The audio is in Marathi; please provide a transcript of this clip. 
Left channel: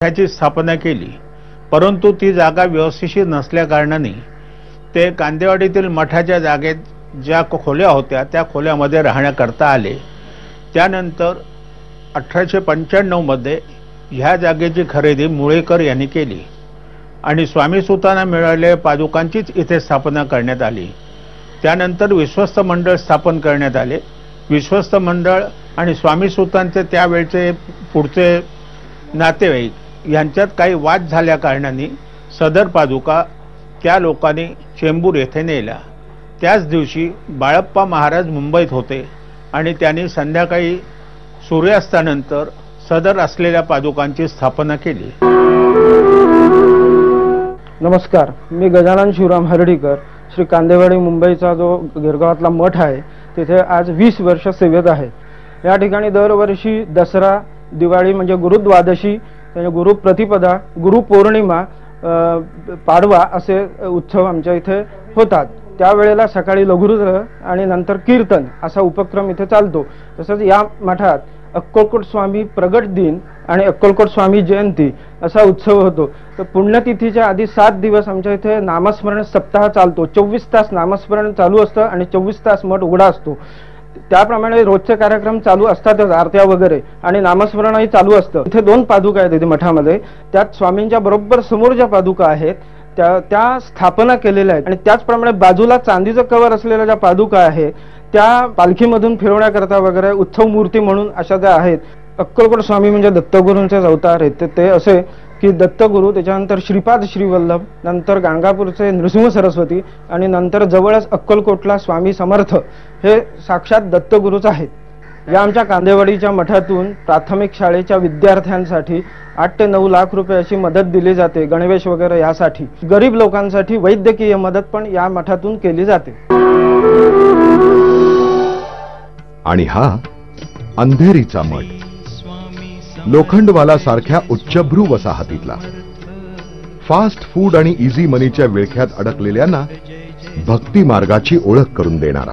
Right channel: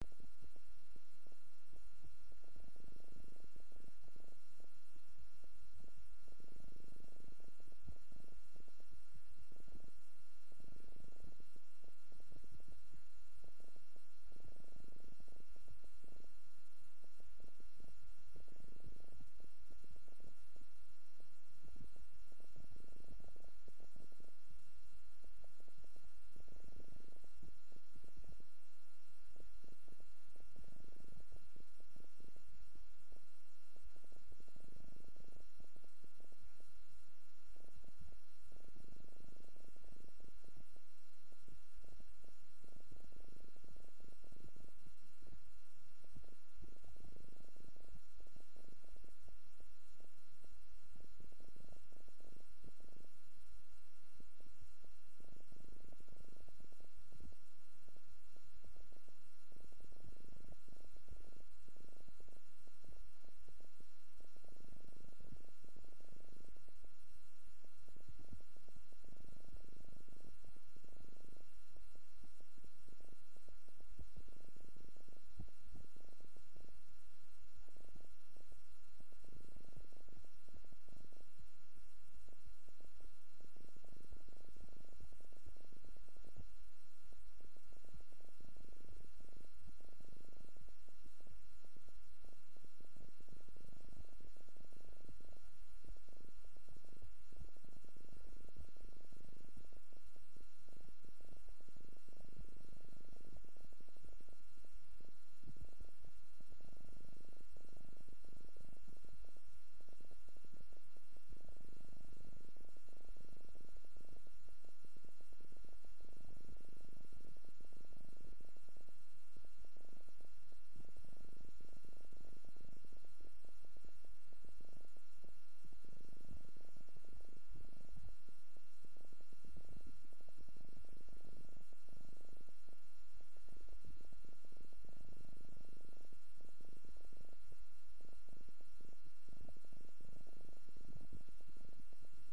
त्याची स्थापना केली, परंतु ती जागा व्यवस्थित नसल्या कारणाने ते कांदेवाडीतील मठाच्या जागेत ज्या खोल्या होत्या त्या खोल्यामध्ये राहण्याकरता आले। त्यानंतर 1895 मध्ये ह्या जागेची खरेदी मुळेकर यांनी केली आणि स्वामी सुतांना मिळालेल्या पादुकांचीच इथे स्थापना करण्यात आली। त्यानंतर विश्वस्त मंडळ स्थापन करण्यात आले। विश्वस्त मंडळ आणि स्वामी सुतांचे त्यावेळचे पुढचे नातेवाईक यांच्यात काही वाद झाल्या कारणाने सदर पादुका त्या लोकांनी चेंबूर येथे नेल्या। त्याच दिवशी बाळप्पा महाराज मुंबईत होते आणि त्यांनी संध्याकाळी सूर्यास्तानंतर सदर असलेल्या पादुकांची स्थापना केली। नमस्कार, मी गजानन शिवराम हर्डीकर, श्री कांदेवाडी मुंबईचा जो गिरगावातला मठ आहे तिथे आज 20 वर्ष सेवेत आहे। या ठिकाणी दरवर्षी दसरा, दिवाळी म्हणजे गुरुद्वादशी, गुरुप्रतिपदा, गुरुपौर्णिमा, पाडवा असे उत्सव आमच्या इथे होतात। त्यावेळेला सकाळी लघुरुद्र आणि नंतर कीर्तन असा उपक्रम इथे चालतो। तसंच या मठात अक्कलकोट स्वामी प्रगट दिन आणि अक्कलकोट स्वामी जयंती असा उत्सव होतो। तर पुण्यतिथीच्या आधी 7 दिवस आमच्या इथे नामस्मरण सप्ताह चालतो। 24 तास नामस्मरण चालू असतं आणि 24 तास मठ उघडा असतो। त्याप्रमाणे रोजचे कार्यक्रम चालू असतातच, आरत्या वगैरे, आणि नामस्मरणही चालू असतं। इथे 2 पादुका आहेत इथे मठामध्ये, त्यात स्वामींच्या बरोबर समोर ज्या पादुका आहेत त्या स्थापना केलेल्या आहेत आणि त्याचप्रमाणे बाजूला चांदीचं कवर असलेल्या ज्या पादुका आहेत त्या पालखीमधून फिरवण्याकरता वगैरे उत्सव मूर्ती म्हणून अशा त्या आहेत। अक्कलकोट स्वामी म्हणजे दत्तगुरूंचेच अवतार आहेत। ते असे की दत्तगुरू, त्याच्यानंतर श्रीपाद श्रीवल्लभ, नंतर गाणगापूरचे नृसिंह सरस्वती आणि नंतर जवळच अक्कलकोटला स्वामी समर्थ हे साक्षात दत्तगुरूच आहेत। या आमच्या कांदेवाडीच्या मठातून प्राथमिक शाळेच्या विद्यार्थ्यांसाठी 8 ते 9 लाख रुपयाची मदत दिली जाते, गणवेश वगैरे यासाठी। गरीब लोकांसाठी वैद्यकीय मदत पण या मठातून केली जाते। आणि हा अंधेरीचा मठ, लोखंडवाला सारख्या उच्चभ्रू वसाहतीतला, फास्ट फूड आणि इझी मनीच्या विळख्यात अडकलेल्यांना भक्ती मार्गाची ओळख करून देणारा।